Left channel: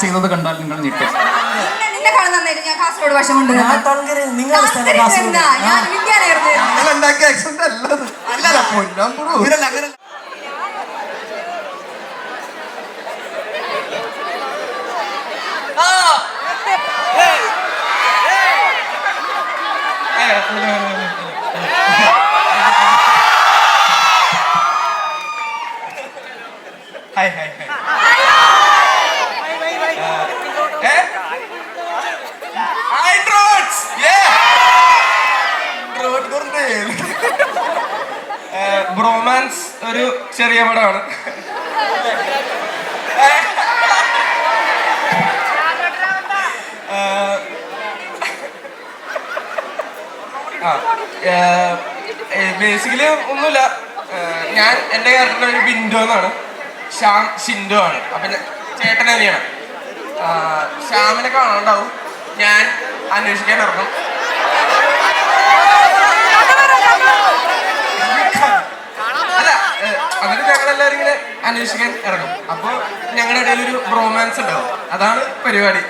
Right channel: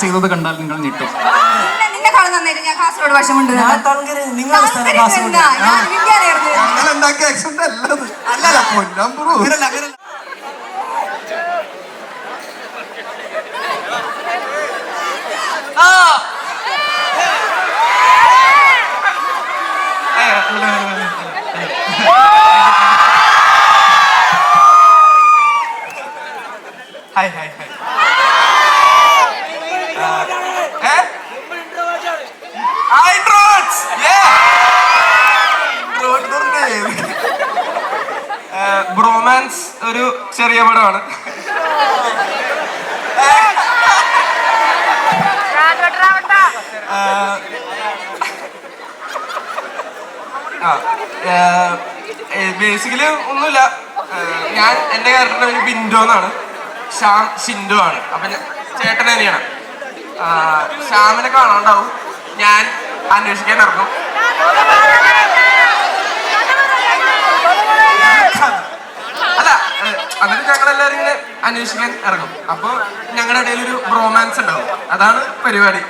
ചെയ്യുന്നത് കണ്ടാൽ നിങ്ങൾ ഞെട്ടും. നിന്നെ നിന്നെ കാണാൻ നന്നായിട്ട് ഞാൻ കാസർഗോഡ് ഭാഷമുണ്ട് ഞാൻ തങ്കര് നിങ്ങളുടെ സ്ഥലം കാസർഗോഡ്. ആ. ഞാൻ ഇന്ത്യയിലായിരുന്നു ഞങ്ങളുണ്ടാക്കിയ ആക്സിഡന്റ് അല്ലത് അല്ല പൊന്നാൻ ബ്രോ ഇവരല്ല, അങ്ങനെ ഹായ് ഹായ് ഹായ് ബ്രോമാൻസ് ഒരു ചെറിയ പടമാണ് ബേസിക്കലി ഒന്നുമില്ല. ഞാൻ എന്റെ ക്യാരക്ടർ ഒരു ബിൻഡോ എന്നാണ്. ശ്യാം ഷിൻഡോ ആണ്. അപ്പൊ ചേട്ടൻ തന്നെയാണ് ശ്യാമിനെ കാണാണ്ടാവും. ഞാൻ അന്വേഷിക്കാൻ ഇറങ്ങും. അല്ല അങ്ങനെ ഞങ്ങളെല്ലാവരും ഇങ്ങനെ അന്വേഷിക്കാൻ ഇറങ്ങും. അപ്പൊ ഞങ്ങളുടെ ഇടയിൽ ഒരു റൊമാൻസ് ഉണ്ടാവും. അതാണ് പരിപാടി.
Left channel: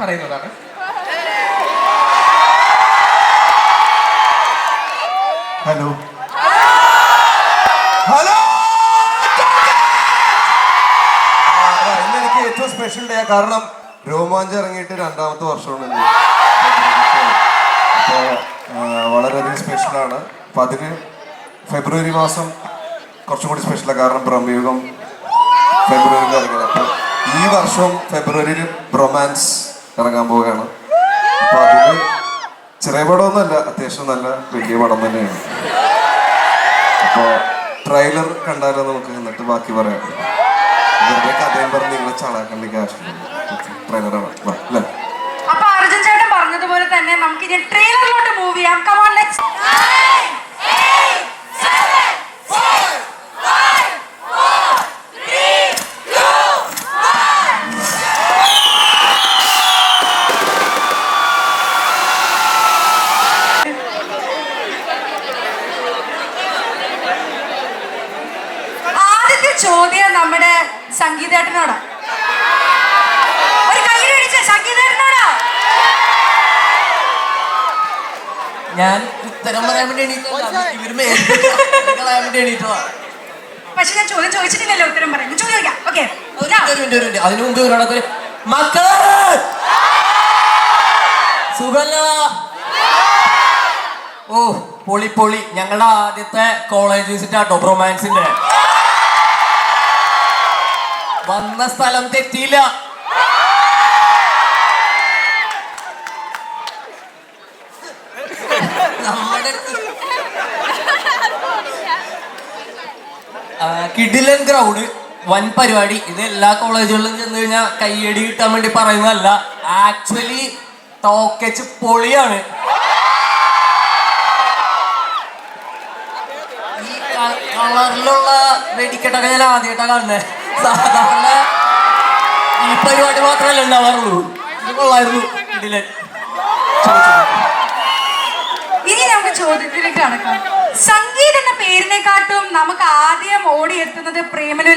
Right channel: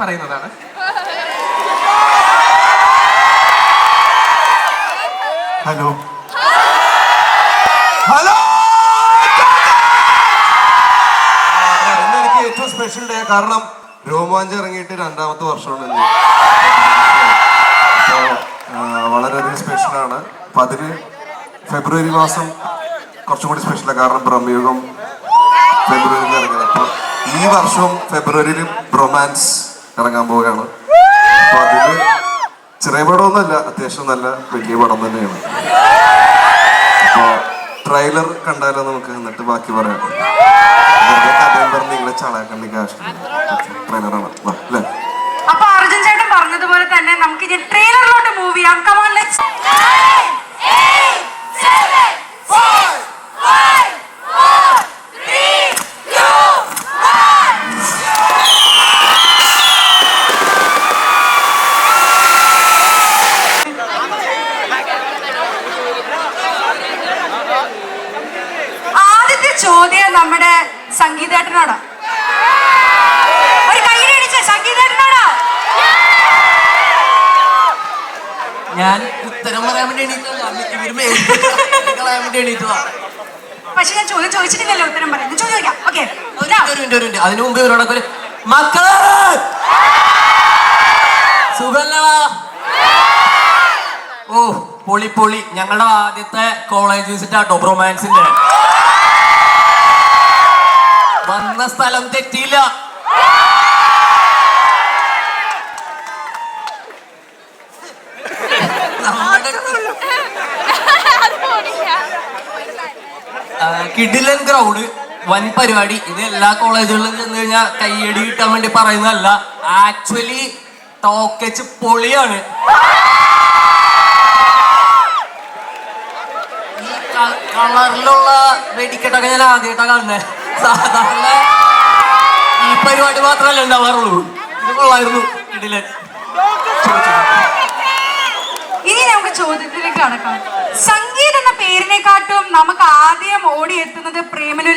പറയുന്നതാണ്. ഹലോ ഹലോ ഇന്ന് എനിക്ക് ഏറ്റവും സ്പെഷ്യൽ ഡേ കാരണം രോമാഞ്ചം ഇറങ്ങിയിട്ട് രണ്ടാമത്തെ വർഷമാണ് വളരെയധികം സ്പെഷ്യലാണ് അപ്പൊ അതിന് ഫെബ്രുവരി മാസം കുറച്ചും കൂടി സ്പെഷ്യലാണ് കാരണം ബ്രഹ്മയുഗം ഫെബ്രുവരിയിൽ ഇറങ്ങുന്നത്. അപ്പൊ ഈ വർഷം ഫെബ്രുവരിയിലും റൊമാൻസ് ഇറങ്ങാൻ പോവുകയാണ്. അപ്പൊ അതിന് ചെറിയ പടമൊന്നുമല്ല അത്യാവശ്യം നല്ല വലിയ പടം തന്നെയാണ്. ട്രെയിലർ കണ്ടാലോ നമുക്ക്? എന്നിട്ട് ബാക്കി പറയാം. വെറുതെ കഥയും ട്രെയിലറാണ് അപ്പൊ അർജുൻ ചേട്ടൻ പറഞ്ഞതുപോലെ തന്നെ നമുക്ക് ഇനി ട്രെയിലറിലോട്ട് മൂവ് ചെയ്യാം കമോൺ ലെറ്റ്സ് ആദ്യത്തെ ചോദ്യം നമ്മുടെ സംഗീതേട്ടനോട് ഒരു കൈയ്യടി അടിച്ച സംഗീതേട്ടനോടാ ഞാൻ ഉത്തരം പറയാൻ വേണ്ടി എണീറ്റതാ. പക്ഷെ ഞാൻ ചോദ്യം ചോദിച്ചിട്ടില്ലല്ലോ ഉത്തരം പറയാൻ. ചോദ്യം ചോദിക്കാം. ഓക്കെ. അതിനു മുമ്പ് ഇവരോടൊക്കെ മക്കളെ! സുഖല്ലടാ. ഓ പൊളി പൊളി. ഞങ്ങളുടെ ആദ്യത്തെ കോളേജ് വിസിറ്റ് ആട്ടോ റൊമാൻസിന്റെ വന്ന സ്ഥലം തെറ്റിയില്ല നമ്മുടെ ഗ്രൗണ്ട് ക്രൗഡ് വൻ പരിപാടി. ഇത് എല്ലാ കോളേജുകളിലും ചെന്ന് കഴിഞ്ഞാൽ കയ്യടി കിട്ടാൻ വേണ്ടി പറയുന്നതല്ല ആക്ച്വലി ടോക്കച്ച് പൊളിയാണ്. ഈ കളറിലുള്ള വെടിക്കെട്ടൊക്കെ ഞാൻ ആദ്യമായിട്ടാണ് കാണുന്നത് സാധാരണ ഈ പരിപാടി മാത്രമല്ല ഉണ്ടാവാറുള്ളൂ. ഇത് കൊള്ളായിരുന്നു കിടിലൻ. ഇനി നമുക്ക് ചോദ്യത്തിലേക്ക് കടക്കാം സംഗീത് എന്ന പേരിനെക്കാട്ടും നമുക്ക്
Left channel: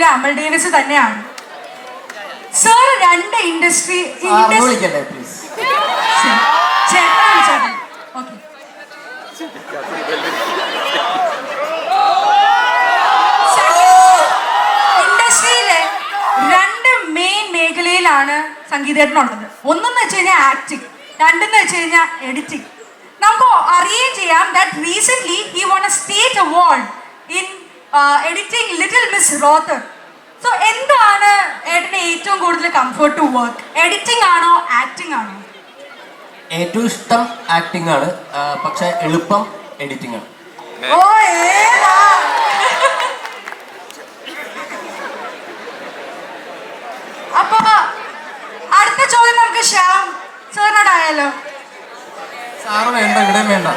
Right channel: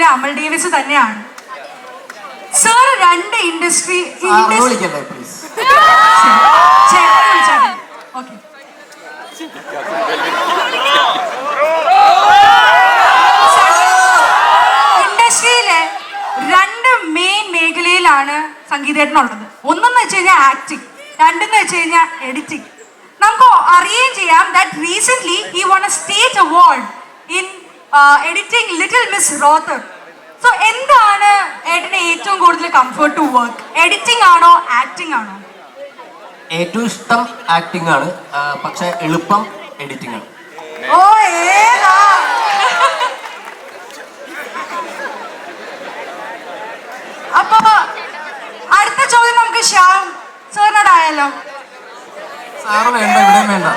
പ്രേമലൂര് അമൽ ഡേവിസ് തന്നെയാണ്. സർ രണ്ട് ഇൻഡസ്ട്രി ഇൻഡസ്ട്രിയിലെ രണ്ട് മെയിൻ മേഖലയിലാണ് സംഗീതജ്ഞനുള്ളത് ഒന്നെന്ന് വെച്ച് കഴിഞ്ഞാൽ ആക്ടിങ് രണ്ടെന്ന് വെച്ച് കഴിഞ്ഞാൽ എഡിറ്റിംഗ് നമുക്ക് അറിയുകയും ചെയ്യാം that recent he won a state award in editing little miss Rawther so എന്താണ് ഏട്ടന് ഏറ്റവും കൂടുതൽ കംഫർട്ട് ടു വർക്ക് എഡിറ്റിംഗ് ആണോ ആക്ടിംഗ് ആണോ? ഏറ്റവും ഇഷ്ടം ആക്ടിംഗ് ആണ്. പക്ഷെ എളുപ്പം എഡിറ്റിംഗ് ആണ്. ഓ ഏതാ? അപ്പൊ അടുത്ത ചോദ്യം നമുക്ക് ശ്യാം സാറിനോടായാലോ? സാറ് വേണ്ട ഇവിടെ വേണ്ട.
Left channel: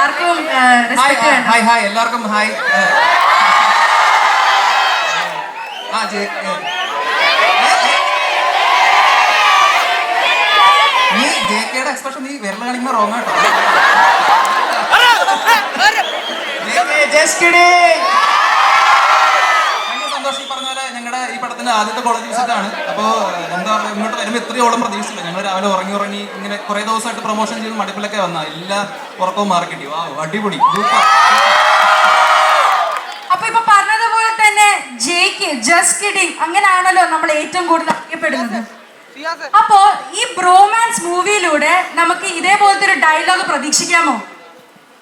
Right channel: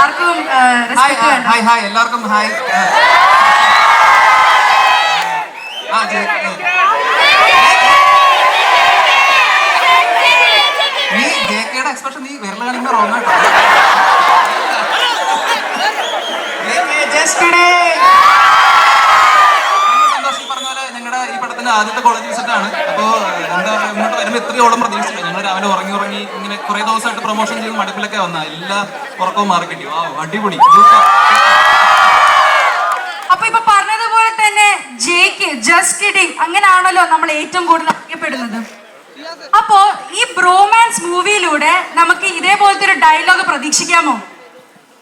ആർക്കും ഹായ് ഹായ് ഹായ് എല്ലാവർക്കും ഹായ് ആ നീ ജെ കെയുടെ എക്സ്പ്രഷൻ നീ വിരൽ കാണിക്കുന്ന റോങ് ജസ്റ്റ് ആദ്യത്തെ കോളേജ് വിസിറ്റാണ് അപ്പോൾ എന്താ ഇങ്ങോട്ട് വരുമ്പോൾ ഇത്രയോളം പ്രതീക്ഷിച്ചില്ല. ഞങ്ങൾ രാവിലെ ഉറങ്ങി ഉറങ്ങി ഇങ്ങനെ കുറേ ദിവസമായിട്ട് പ്രൊമോഷൻ ചെയ്ത് മടുപ്പിലൊക്കെ വന്ന. എല്ലാ ഉറക്കവും മാർക്കറ്റ് ആ അടിപൊളി സൂപ്പർ. അപ്പൊ ഇപ്പൊ പറഞ്ഞതുപോലെ തന്നെ ജസ്റ്റ് കിഡിങ് അങ്ങനെയാണല്ലോ നമ്മൾ ഏറ്റവും കൂടുതൽ അറിയപ്പെടുന്നത്. അപ്പോ ഈ ബ്രോമാൻസ് മൂവിയിലൂടെ നമുക്ക് ഇതേപോലത്തെ ഒരു ഡയലോഗ് പ്രതീക്ഷിക്കാമോ?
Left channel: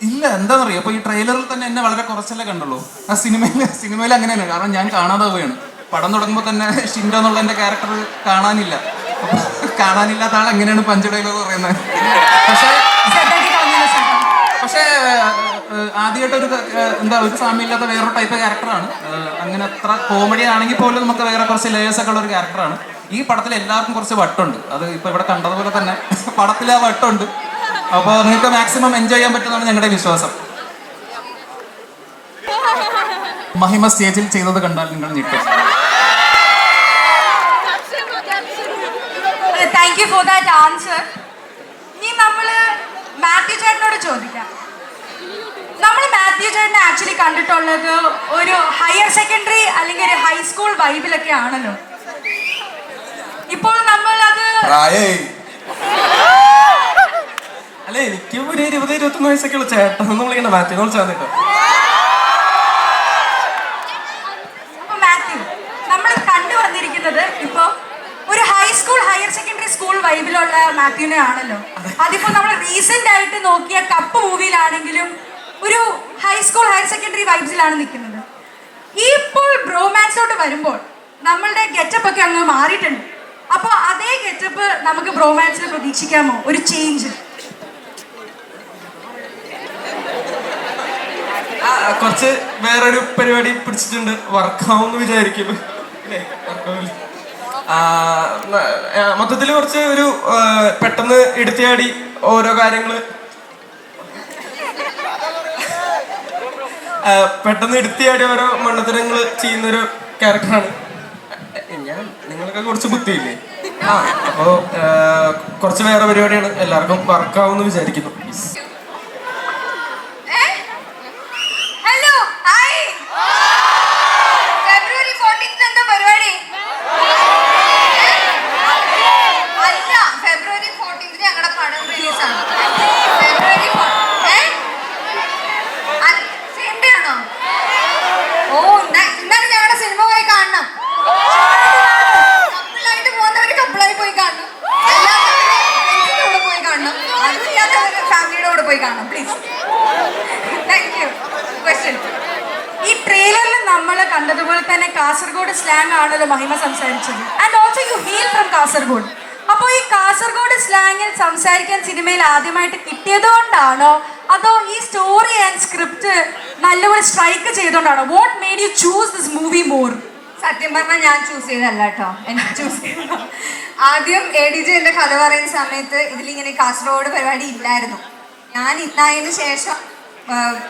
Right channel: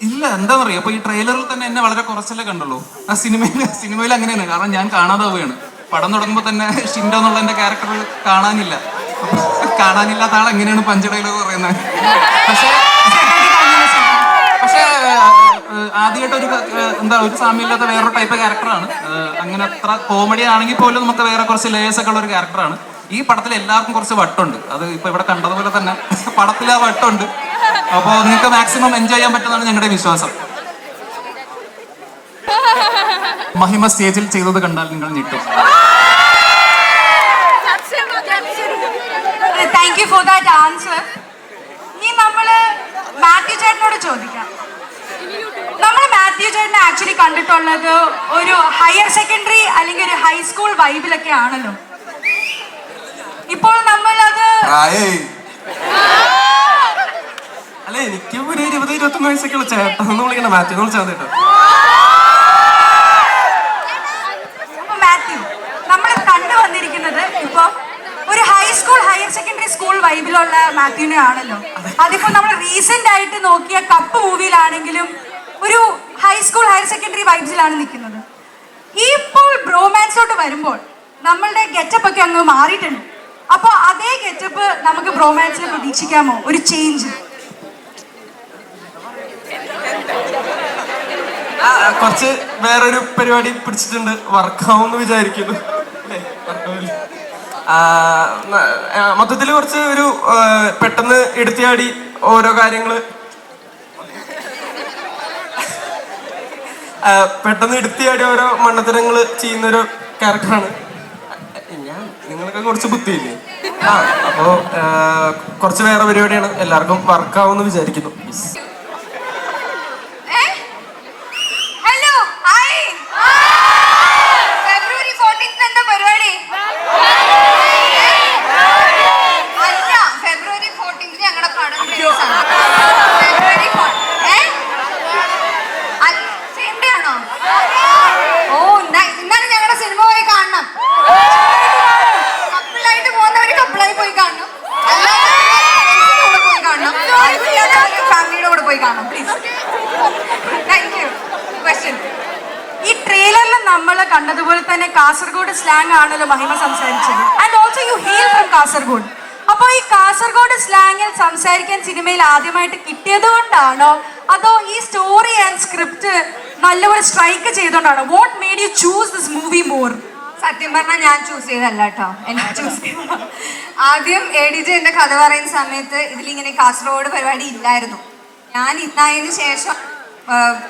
ഇല്ല എന്താണെന്നറിയോ അപ്പൊ ഈ ട്രെയിലറിൽ തന്നെ എന്നെ വളരെ കുറച്ചല്ലേ കണ്ടുള്ളൂ. ആ സിനിമയിൽ സിനിമയിൽ അങ്ങനെയാണ്. കാരണം ഞാൻ കാണാതെ പോവുകയാണ് പടം തുടങ്ങുമ്പോൾ തന്നെ ഷിൻഡോ എന്നുള്ള എന്റെ ക്യാരക്ടർ കാണാനില്ല. കാണാനില്ലാത്ത ആൾ എങ്ങനെയാണ് പഞ്ച് ഡയലോഗ് പറയുന്നത്? പക്ഷേ പക്ഷേ ആദ്യമായിട്ട് ഒരു എന്താ ഒരു സാമ്യമില്ലാത്ത വേറൊരു ടൈപ്പ് ക്യാരക്ടറാണ് അങ്ങനെ അത്ര കോമഡി ആണെങ്കിൽ പോലും നമുക്ക് വേറെ കുറച്ച് ലേയേഴ്സ് ഒക്കെ ഉള്ള ഒരു ക്യാരക്ടറാണ് ഈ പടത്തിൽ എല്ലാവർക്കും കുറച്ച് വട്ടുണ്ട്. അത് ഇപ്പൊ ഇവിടെ കണ്ടതുപോലെ തന്നെ പടത്തിൽ ആ വട്ടുണ്ട്. അപ്പോൾ നിങ്ങൾക്ക് മാക്സിമം എൻജോയ് ചെയ്യാൻ പറ്റുന്നതാണ് ഞങ്ങളുടെ വിശ്വാസം. മഹിമ സ്റ്റേജിൽ ചെയ്തത് കണ്ടാൽ നിങ്ങൾ ഞെട്ടും. താങ്ക് ഫോർ ദാറ്റ് ആൻസർ ഇനി നമ്മൾ മാത്യു ചേട്ടനോട് ചോദിക്കാം നമ്മൾ ചേട്ടനെ ആക്ച്വലി കണ്ടിട്ടുള്ളത് ഒരു ഹയർ സെക്കൻഡറി അല്ലെങ്കിൽ ഒരു ഹൈസ്കൂൾ വൈബിലൊക്കെ ആണല്ലോ. ഇപ്പോൾ നമ്മളത് അല്ലെ എനിക്ക് ഒരു ഇരുപത് ഇരുപത്തൊന്ന് വയസ്സൊക്കെ ചേട്ടൻ എന്ന് വിളിക്കണം മാറ്റിനെ വിളിച്ചാൽ കേട്ടോ. നമ്മൾ കണ്ടുവന്നിരിക്കുന്നത് ഇപ്പൊ ഒരു high school higher secondary school വൈബിലുള്ള മാത്യുവിനെ ആണല്ലോ അതിപ്പോ നമ്മൾ റീസെന്റ് ആയിട്ട് നോക്കിയ കപ്പ് മൂവിയിലാണെങ്കിലും ഒരു ഹൈസ്കൂൾ ഹയർ സെക്കൻഡറി വൈബ്സിലാണ് നിൽക്കുന്നത്. ഇപ്പോൾ ബ്രോമാൻസിലോട്ട് വരുമ്പോൾ നമ്മളുടെ ഗെറ്റപ്പ് ഒക്കെ അങ്ങ് മാറിയിട്ടുണ്ട്. അപ്പോൾ അതേ ഗെറ്റപ്പ് നമുക്ക് ബ്രോമാൻസിൽ പ്രതീക്ഷിക്കാമോ? ഒരു ചേഞ്ച് കുറച്ച് വേറൊരു പരിപാടി പിടിച്ചിട്ടുണ്ട്. വർക്ക് വിചാരിക്കുന്നു. മൊത്തത്തിൽ കുറച്ച് ഒരു പെട്ടെന്ന് എടുത്തിയാടി ഓരോ കാര്യങ്ങൾ ആ, പെട്ടെന്ന് എടുത്തിയാടി ഓരോ മണ്ണത്തരങ്ങൾ ചെയ്യുന്നൊരു ക്യാരക്ടറാണ് ഞാൻ നിങ്ങൾക്ക് കുറച്ച് ബുദ്ധിയില്ലേ? ആ അപ്പോ കുറച്ച് വേറെ പരിപാടിയാണ്. എല്ലാവർക്കും വർക്കാവുമെന്ന് വിചാരിക്കുന്നു ഹലോ ഹായ് ഫെബ്രുവരി ഫോർട്ടീൻത്ത് എന്താ പരിപാടി അല്ല ഫെബ്രുവരി ഫോർട്ടീൻത്ത് ഞങ്ങളുടെ പടം റിലീസ് ആണ് ഫെബ്രുവരി സെയിം ഡേ ആണോ ഓ nice. എന്നാലും ഞങ്ങളുടെ സിനിമ പോയി കാണണം കപ്പിളായിട്ട് പോകുന്നവര് കപ്പിളായി പോയി കാണണം എല്ലാവരും പോയി കാണണം ഫാമിലിയുടെ കൂടെ പോയി കാണണം പ്ലീസ് താങ്ക് യു ക്വസ്റ്റ്യൻ ഈ ട്രെയിലറിൽ നമ്മൾ കണ്ടതുപോലെ തന്നെ കാസർഗോഡ് സ്ലാങ് ആണല്ലോ മഹിമ സംസാരിച്ചത് and also you hail from Kasaragod അപ്പോൾ ഈ കാസർഗോഡ് സ്ലാങ്ങിൽ സംസാരിക്കാൻ ആദ്യമായിട്ട് കിട്ടിയത് കൊണ്ടാണോ അതോ ഈ സ്റ്റോറി ആൻഡ് സ്ക്രിപ്റ്റ് നല്ലപോലെ strike ചെയ്തുകൊണ്ടാണോ? What made you choose this movie more സത്യം പറഞ്ഞാൽ ഞാൻ ചൂസ് ചെയ്തല്ല കേട്ടോ. എനിക്ക് ചൂസ് ചെയ്ത ആദ്യം എ ഡി ജെ എന്റെ കഥ പറയുന്ന സമയത്ത് ഇതിലിങ്ങനെ കാസർഗോഡ് പരിപാടി ഇല്ലായിരുന്നു. ഞാൻ ഇന്നായതിനു ശേഷം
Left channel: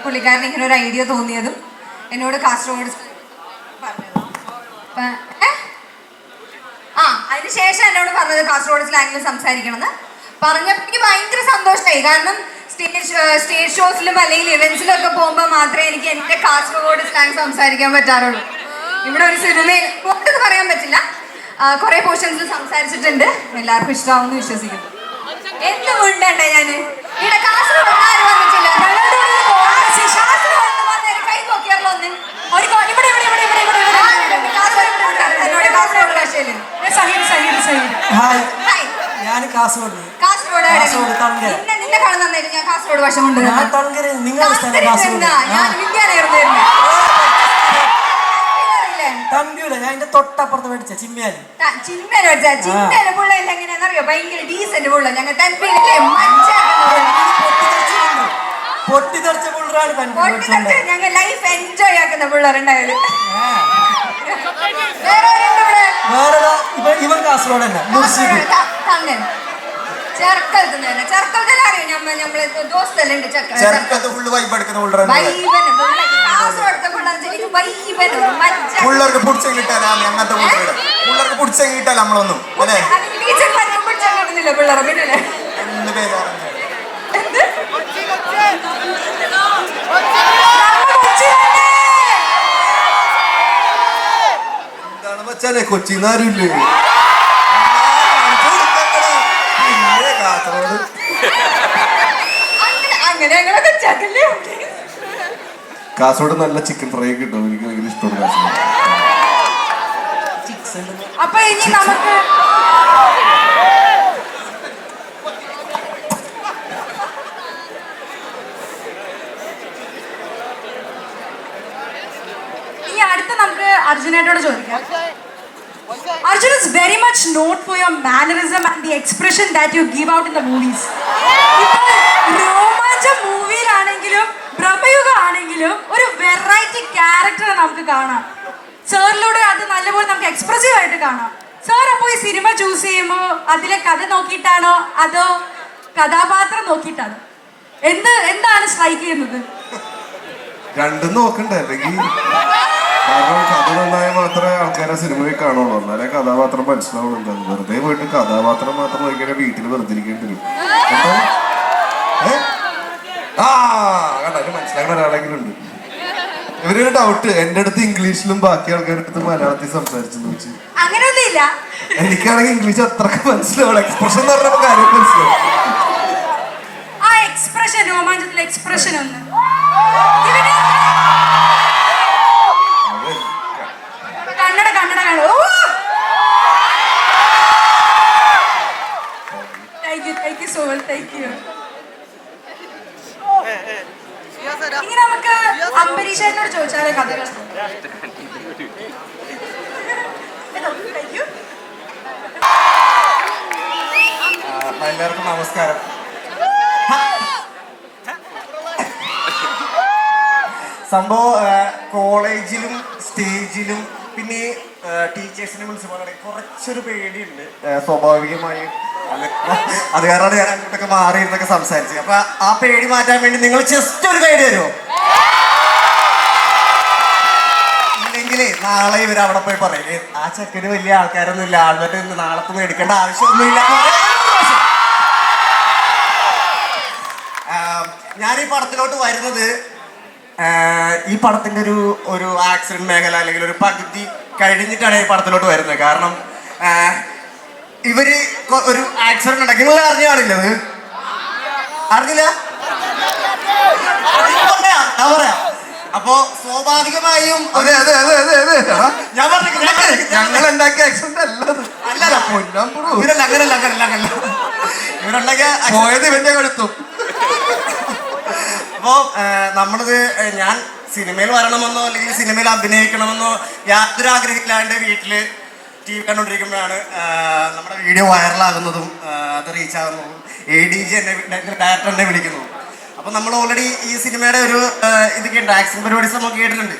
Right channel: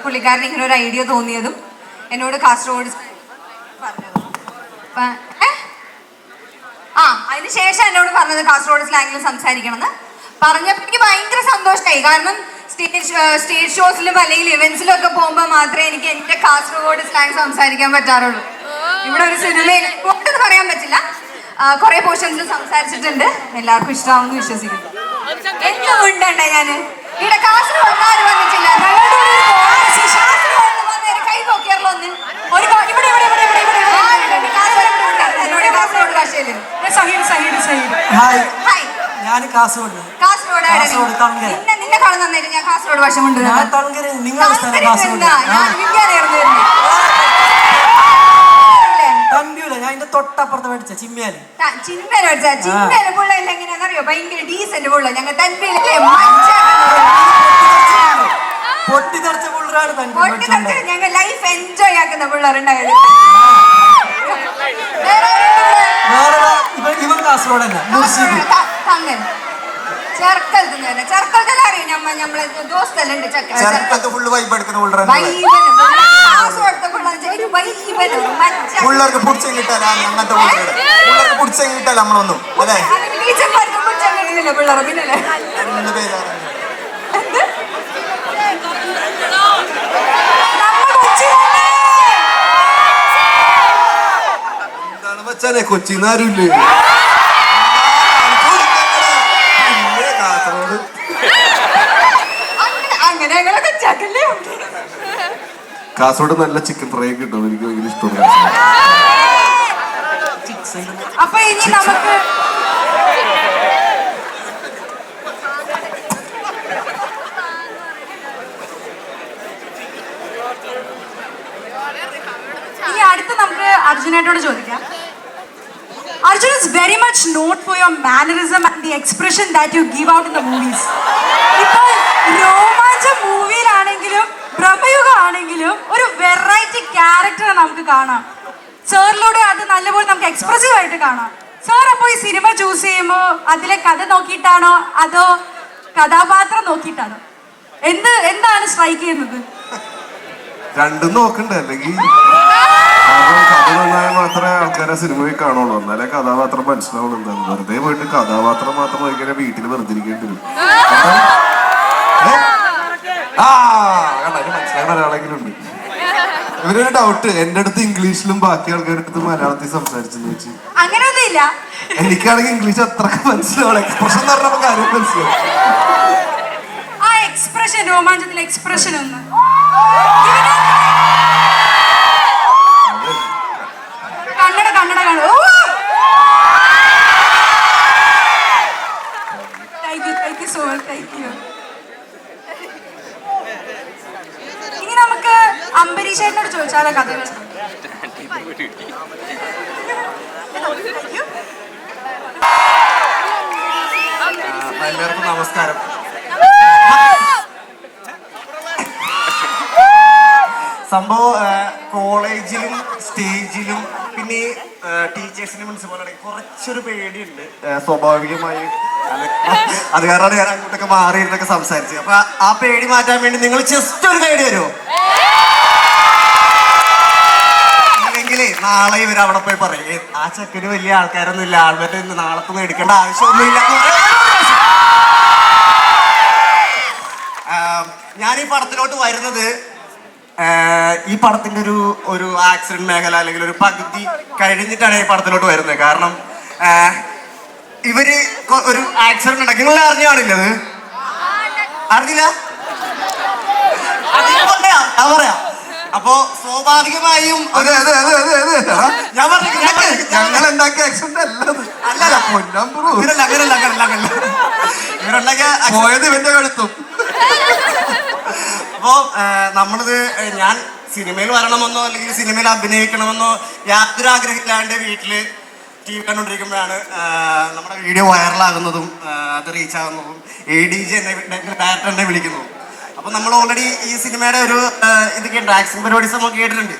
പുള്ളിക്കാരൻ ഇങ്ങനെ ഒരു ഐഡിയ തോന്നിയതും എന്നോട് കാസർഗോഡ് പറഞ്ഞത്? ആ അതിനുശേഷം എന്നോട് പറഞ്ഞത് കാസർഗോഡ് സ്ലാങ്ങിൽ സംസാരിക്കണമെന്ന്. പറഞ്ഞപ്പോൾ എനിക്ക് ഭയങ്കര സന്തോഷമായി കാരണം സ്റ്റേജ് സ്റ്റേജ് ഷോസിലും അല്ലെങ്കിൽ ഇവന്റ്സിലും ഒക്കെ പോകുമ്പോൾ മാത്രമേ എനിക്ക് എന്റെ കാസർഗോഡ് സ്ലാങ് സംസാരിക്കാൻ പറ്റാറുള്ളൂ. ഇവിടെ ഒരു സിനിമയിൽ ഒട്ടും പറയാൻ പറ്റില്ല. കുറെ പോർഷൻസിൽ സംസാരിച്ചിട്ടുണ്ട്. എല്ലാവർക്കും ഇഷ്ടമാവുമെന്ന് വിശ്വസിക്കുന്നു. എന്ത് ഞാൻ? ഇവിടെ കാസർഗോഡ് ആരും വന്നിട്ടില്ല. ഹായ് ഞാൻ കാസർഗോഡ് കാസർഗോഡ്. നിന്നെ നിന്നെ കാണാൻ ഞാൻ കാസർഗോഡ് ഭാഷ കൊണ്ടുവരുന്നു ഞാൻ തങ്കര സ്ഥലം കാസർഗോഡ് ഞാൻ ഇന്ത്യയിലായിരുന്നു വരുന്നത്. ഇല്ലേ? തമ്പിയൂല ഞാൻ എന്റെ തൊട്ടപ്പുറത്ത് മേടിച്ച ചിമ്മിയാലി ചിമ്മേനെ വെച്ചാ ചിമ്മേനെ പുള്ള എങ്ങനെയാണെന്നറിയോ ഭയങ്കര ഡീസന്റ് പുള്ള. ഞങ്ങൾ പുള്ള. പൊട്ടിത്തെറിച്ച പുള്ളറാണ് തമ്പി ഞങ്ങൾ ലൈഫ് എൻജോയ് ആക്കുന്ന പിള്ളേരുണ്ടായത് വേറെ ആരുണ്ട് ഇവിടെ? വേറെ ഇവ ഇവൻ കാസർഗോഡ് തന്നെ മുർഷിദ്. തന്നെ അറിയും. നമ്മളെ ദോസ്തെല്ലാം ഉണ്ട്. ചെറുക്കൽ ചെറുക്കത്ത് ഫുള്ള് വൈബ് എടുക്കുന്ന പിള്ളേർക്ക് പിടിച്ച കിട്ടാൻ അങ്ങനത്തെ പിള്ളേർക്ക് പിടിച്ച കിട്ടാൻ നമ്മളൊന്നും അല്ലേ? പേരാണ് നമ്മൾ എന്താണ് വെച്ചാലേ കൊച്ചിന്നാരില്ലേ പിന്നെ കാസർഗോഡ് അങ്ങനെ അങ്ങനെ ഞങ്ങളെ കൊച്ചാക്കല്ലേ കാസർഗോഡ് നല്ല ചിക്കൻ ഫ്രൈ കിട്ടും. എനിക്ക് ഭയങ്കര ഇഷ്ടമുള്ള അപ്പൊ ഇനി നമുക്ക് ഇനി അടുത്ത് നമുക്ക് അർജുനായിട്ടോട് ചോദിക്കാം. Arjun is very much noted for your mannerism and the expression that you give out in the movies ഇപ്പോൾ രോമാഞ്ച മൂവിയിലാണെങ്കിലും ആണെങ്കിലും ഒരു വെറൈറ്റി ക്യാരക്ടർ നമുക്ക് കാണാം. സാറിലൂടെ അത് നല്ലപോലെ നമുക്ക് എക്സ്പ്രസീവ് ആയിട്ട് കാണാം. സാർ അപ്പോൾ ഈ സിനിമ ചൂസ് ചെയ്യുമ്പോൾ അതിലെ കഥ നോക്കിയിട്ടാണോ? അതോ കഥാപാത്രം നോക്കിയിട്ടാണോ? എന്ത് എന്താണ് സ്ട്രൈക്ക് ചെയ്യുന്നത്? രണ്ടും നോക്കണ്ടേ. അല്ലെങ്കിൽ കഥ നന്നായ മാത്രമേ ആൾക്കാരെ സിനിമയിൽ കാണുള്ളൂ. എന്നാലേ കഥാപാത്രം മനസ്സിലാവുള്ളൂ. വെറുതെ പോയിട്ട് കഥാപാത്രം മാത്രം നോക്കിയാൽ വീട്ടിൽ വെറുതെ ഇരിക്കേണ്ടി വരും? ആ കണ്ടോ, മനസ്സിലാകുന്ന ഒരാളെങ്കിലും ഉണ്ട്. ഇവരൊരു ഡൗട്ട് എന്റെ അടുത്ത് ഇംഗ്ലീഷിലും ബാക്കി ആൾക്കാരുടെ അടുത്ത് മലയാളത്തിൽ സംസാരിച്ചെന്ന് വെച്ച്. അങ്ങനെയൊന്നുമില്ല. എനിക്കാണെങ്കിൽ ഇംഗ്ലീഷ് അത്രയ്ക്ക് മനസ്സിലാവും എക്സ്പ്രഷൻ എന്ന് പറഞ്ഞ കാര്യം മനസ്സിലാവും ആ എക്സ്പ്രഷൻ രോമാഞ്ചത്തിലെ എക്സ്പ്രഷൻ ഒന്ന്. കുറച്ചൊരു പേടിയുണ്ട്. സ്വാഭാവികമായും. അത് കാരണമാണ് ഞാൻ അങ്ങോട്ടൊക്കെ മാറി ഇരുന്നൊക്കെ സംസാരിച്ചത്. അപ്പൊ ആ പേടി മാറ്റാൻ വേണ്ടി നിങ്ങൾ ജസ്റ്റ് ഒരു ഗൈഡ് തരുമോ? ഇല്ലെങ്കിലേ നാളെ ഇവർ അവിടെ പോയി പറയും ആ ചെക്കന് വലിയ ആൾക്കാരൊന്നും ഇല്ല ആൾക്കാരുടെ നാളത്തൊന്നും എടുക്കേണ്ട ആവശ്യമൊന്നുമില്ല. ഞാൻ ഈ പടത്തിലോട്ട് വരുന്നത് ഈ പടത്തിന്റെ ഒരു ഒരു ആക്സിഡന്റ് മേഖല അല്ലെങ്കിൽ ഒരു പകുതി കഴിഞ്ഞിട്ടാണ് ഈ പടത്തിലോട്ട് വരുന്നത്. കാരണം ഇവർ ഒരു ആക്സിഡന്റ് ഉണ്ടാക്കി നിങ്ങൾ അറിഞ്ഞ കാണില്ലത് അറിഞ്ഞില്ല? പറയാം അപ്പോ സ്വാഭാവികമായും അതെ അതെ അതെ അതെ അതെ. ഞാൻ പറഞ്ഞു ഞങ്ങൾ ഉണ്ടാക്കിയ ആക്സിഡന്റ് അല്ലത്. അല്ലല്ല. ബ്രോ ഇവരല്ല അങ്ങനല്ല അങ്ങനല്ല അങ്ങനല്ല. ഇവരുണ്ടാക്കിയ പോയത് ഇവന്റെ കഴുത്തും. അപ്പോ നമ്മളിത് ഞാൻ സിനിമയിൽ വരണമെന്നോ അല്ലെങ്കിൽ സിനിമയിൽ അഭിനയിക്കണമെന്നോ യാത്ര ആഗ്രഹമില്ലാണ്ട് വീട്ടിൽ ടി വി കണ്ടുകൊണ്ടിരിക്കുമ്പോഴാണ് നമ്മുടെ വീഡിയോ വൈറലാകുന്നതും അത് റീച്ച് ആകുന്നതും എ ഡി ജി എന്നെ ഡയറക്ടർ എന്നെ വിളിക്കുന്നതും. അപ്പം നമ്മൾ ഓൾറെഡി ഈ സിനിമയുടെ ഒരു ഇതൊക്കെ ഉണ്ട്. ആക്ഷൻ പരിപാടീസ് നമ്മൾ കേട്ടിട്ടുണ്ട്.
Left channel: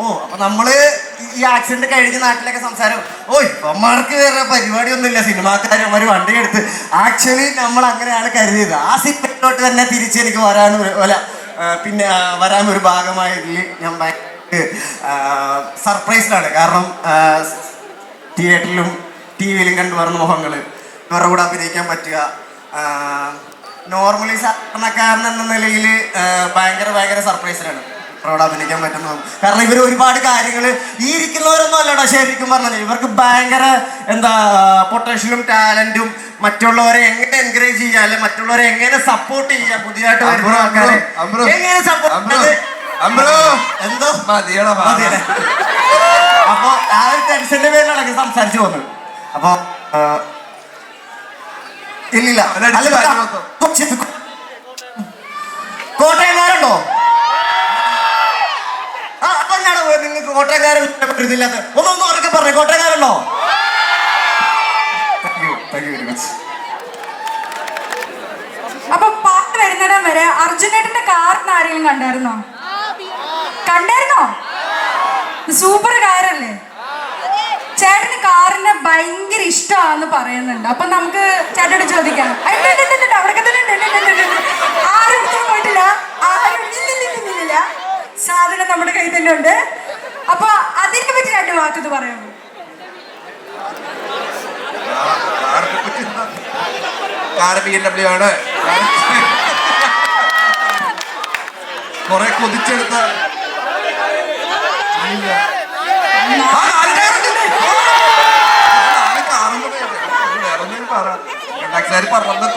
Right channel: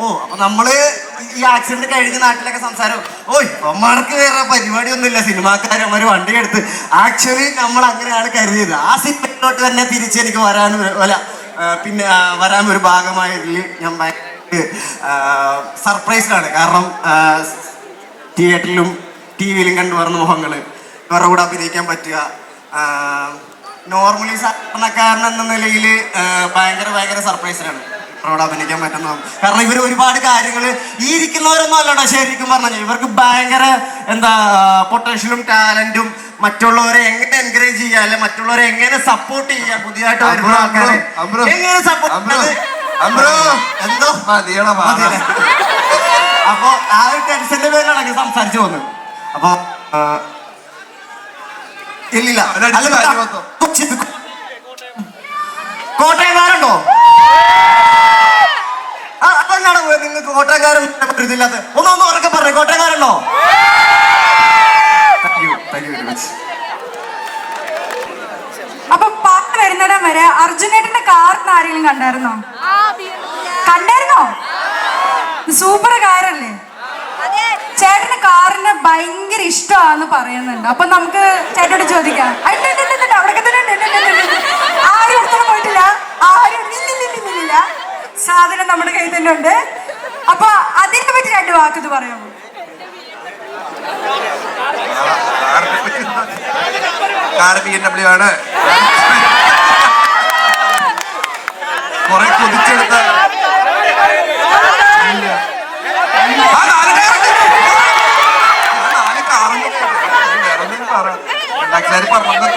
ഓ അപ്പൊ നമ്മൾ ഈ ആക്സിഡന്റ് കഴിഞ്ഞ നാട്ടിലൊക്കെ സംസാരം ഓയ് അമ്മമാർക്ക് വേറെ പരിപാടിയൊന്നുമില്ല. സിനിമാക്കാരൻ അവർ വണ്ടി എടുത്ത് ആക്ച്വലി നമ്മൾ അങ്ങനെയാണ് കരുതിയത്. ആ സിനിമയിലോട്ട് തന്നെ തിരിച്ച് എനിക്ക് വരാൻ അല്ല പിന്നെ വരാൻ ഒരു ഭാഗമായതിൽ ഞാൻ സർപ്രൈസ്ഡാണ് കാരണം തിയേറ്ററിലും ടി വിയിലും കണ്ടു വരുന്ന മുഖങ്ങൾ ഇവരുടെ കൂടെ അഭിനയിക്കാൻ പറ്റുക. നോർമലി സാധാരണക്കാരൻ എന്ന നിലയിൽ ഭയങ്കര ഭയങ്കര സർപ്രൈസിലാണ് ഇവരോട് അഭിനയിക്കാൻ പറ്റുന്നതും കാരണം ഇവർ ഒരുപാട് കാര്യങ്ങൾ ഈ ഇരിക്കുന്നവരൊന്നും അല്ലടാ ശരിക്കും പറഞ്ഞാൽ ഇവർക്ക് ഭയങ്കര എന്താ പൊട്ടൻഷ്യലും ടാലന്റും മറ്റുള്ളവരെ എങ്ങനെ എൻകറേജ് ചെയ്യുക അല്ലെ മറ്റുള്ളവരെ എങ്ങനെ സപ്പോർട്ട് ചെയ്യുക പുതിയതായിട്ട് വരുന്ന ആൾക്കാരെ. എങ്ങനെ സപ്പോർട്ട്. എന്തോ? മതിയടാ? അപ്പൊ ആ ഒരു ടെൻഷന്റെ പേരിലാണ് സംസാരിച്ചു പോകുന്നത്. അപ്പൊ ഇല്ല. ഇല്ലില്ല കോട്ടയംകാരുണ്ടോ? ആ, നിങ്ങൾക്ക് കോട്ടയംകാരൻ ഇതില്ലാത്ത ഒന്നൊന്നും ഉറക്കെ പറഞ്ഞു കോട്ടയംകാരുണ്ടോ? അപ്പൊ പാട്ട് വരുന്നിടം വരെ അർജുനേട്ടന്റെ കാറിന് ആരെങ്കിലും കണ്ടായിരുന്നോ? കണ്ടായിരുന്നോ? സൂപ്പർ കാരല്ലേ ചേട്ടന് കാറിന് ഭയങ്കര ഇഷ്ടമാന്ന് പറയുന്നുണ്ട്. അപ്പൊ നമുക്ക് ചേട്ടനോട് ചോദിക്കാം. അവിടെ. ആരും പോയിട്ടില്ല. ആരും. സാധനം നമ്മുടെ കയ്യിൽ തന്നെ ഉണ്ട്. അപ്പൊ അതിനെ പറ്റി രണ്ട് വാക്കത് പറയുന്നു. ആണ്. കുറെ കൊതിച്ചെടുത്ത ആ, നാല് ആൾക്കാർ പറഞ്ഞു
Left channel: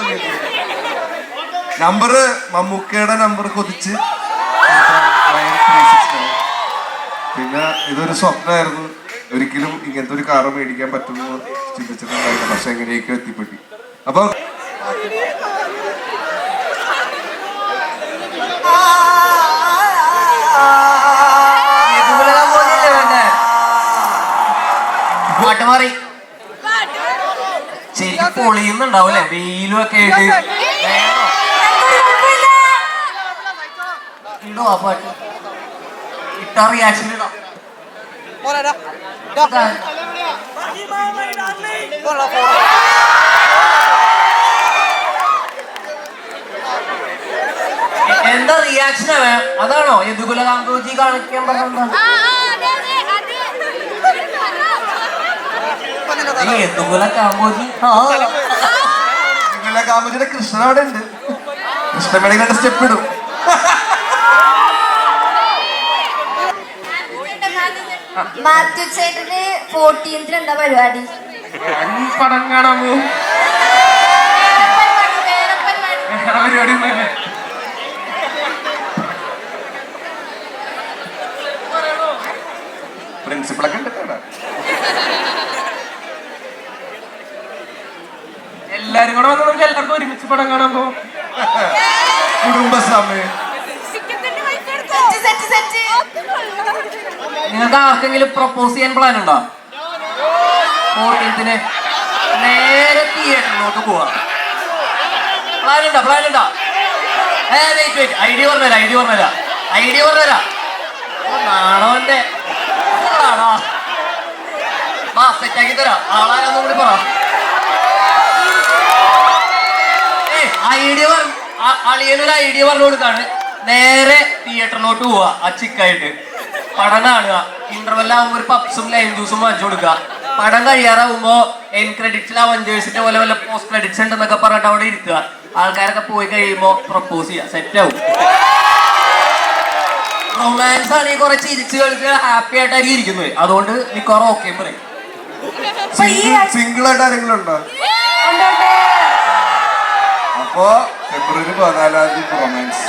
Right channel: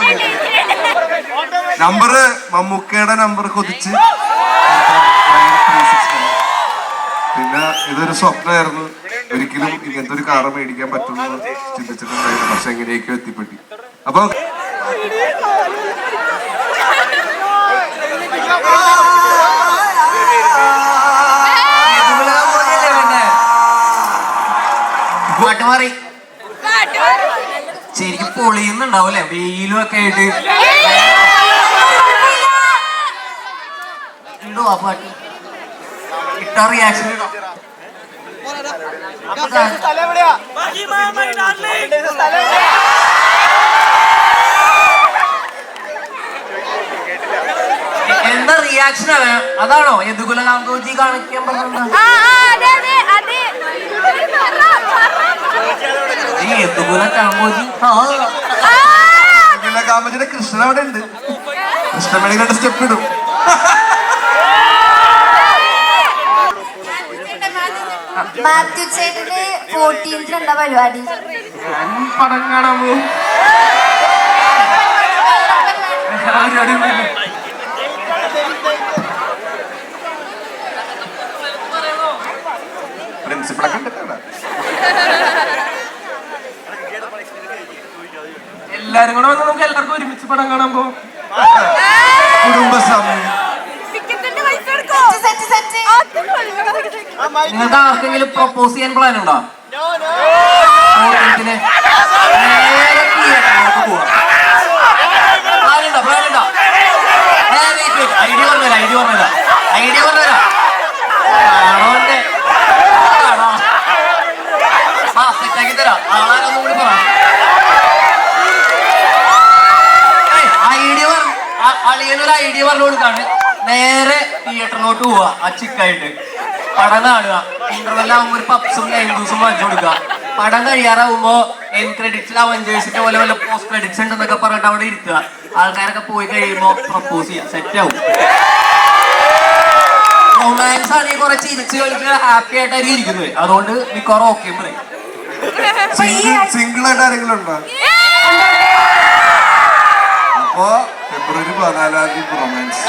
നമ്പർ മമ്മൂക്കയുടെ നമ്പർ കൊതിച്ച്. പിന്നെ ഇതൊരു സ്വപ്നമായിരുന്നു. ഒരിക്കലും ഇങ്ങനത്തെ ഒരു കാറ് മേടിക്കാൻ പറ്റുമെന്ന് ചിന്തിച്ചിട്ടുണ്ടായിരുന്നു. പക്ഷെ എങ്ങനെയൊക്കെ എത്തിപ്പറ്റി. അപ്പൊ പാട്ട് മാറി. ശരിക്കും പൊളിയുന്നുണ്ടാവൂലേ വെയിലും ഒക്കെ ആയിട്ട്. ഉണ്ടോ അപ്പാട്ട് ഇട്ട റിയാക്ഷൻ ഇടോ എന്താ റിയാക്ഷൻ അതാണോ? യദുകുല ഗാന്ധോജി കാണിക്കാൻ പറഞ്ഞത് യദുകുല കാമ്പോജി ആ. കാമജിന്റെ കൃഷ്ണൻ അവിടെ ഉണ്ട്. കൃഷ്ണമേളി കണ്ട സ്റ്റെപ്പ് ഇടും. മാത്യു ചേട്ടന് ഫോർട്ടീൻത്തിന് എന്താ പരിപാടി? പ്രിൻസിപ്പളൊക്കെ എല്ലാരും കൂടെ എല്ലാവർക്കും ഒരുമിച്ച് പടം കാണാൻ പോകും കുടുംബസമയം നിങ്ങൾക്ക് ആർക്കെങ്കിലും പ്രപ്പോസ് ചെയ്യാൻ പ്ലാൻ ഉണ്ടോ? ഫോർട്ടീൻത്തിന് നേരെ തിയേറ്ററിലേക്ക് പോവാം. പ്ലാൻ ഉണ്ടോ? പ്ലാൻ ഉണ്ടോ? ഐഡിയ പറഞ്ഞുതരാം ഐ ഡി പറഞ്ഞുതരാം. ഐ ഡി പറഞ്ഞുതരാം ആണോന്റെ ആണോ? ആ സെറ്റാക്കി തരാം. ആളാരെന്നും കൂടി പറ. ഐഡിയ അളിയനൊരു ഐഡിയ പറഞ്ഞു കൊടുക്കാണ്. നേരെ തിയേറ്ററിലോട്ട് പോവാ ആ ചിക്കായിട്ട് പടം കാണുക. ഇന്റർവെൽ ആകുമ്പോൾ ഒരു പപ്സും നൈൻ ജ്യൂസും വാങ്ങിച്ചു കൊടുക്കുക. പടം കഴിയാറാവുമ്പോ എൻ ക്രെഡിറ്റ്സിൽ അവഞ്ചേഴ്സിന്റെ പോലെ വല്ല പോസ്റ്റ് ക്രെഡിറ്റ്സ് ഉണ്ടെന്നൊക്കെ പറഞ്ഞിട്ട് അവിടെ ഇരിക്കുക. ആൾക്കാരൊക്കെ പോയി കഴിയുമ്പോ പ്രപ്പോസ് ചെയ്യാം. സെറ്റ് ആവും. റൊമാൻസ് ആണെങ്കിൽ കുറെ ചിരിച്ച് കളിക്കുക ഹാപ്പി ആയിട്ടായിരിക്കും ഇരിക്കുന്നത്. അതുകൊണ്ട് നീ കുറെ ഓക്കെ പറയും. സിംഗിൾ ആയിട്ട് ആരെങ്കിലും ഉണ്ടോ? അപ്പോ ഫെബ്രുവരി പതിനാലാം തീയതി റൊമാൻസ്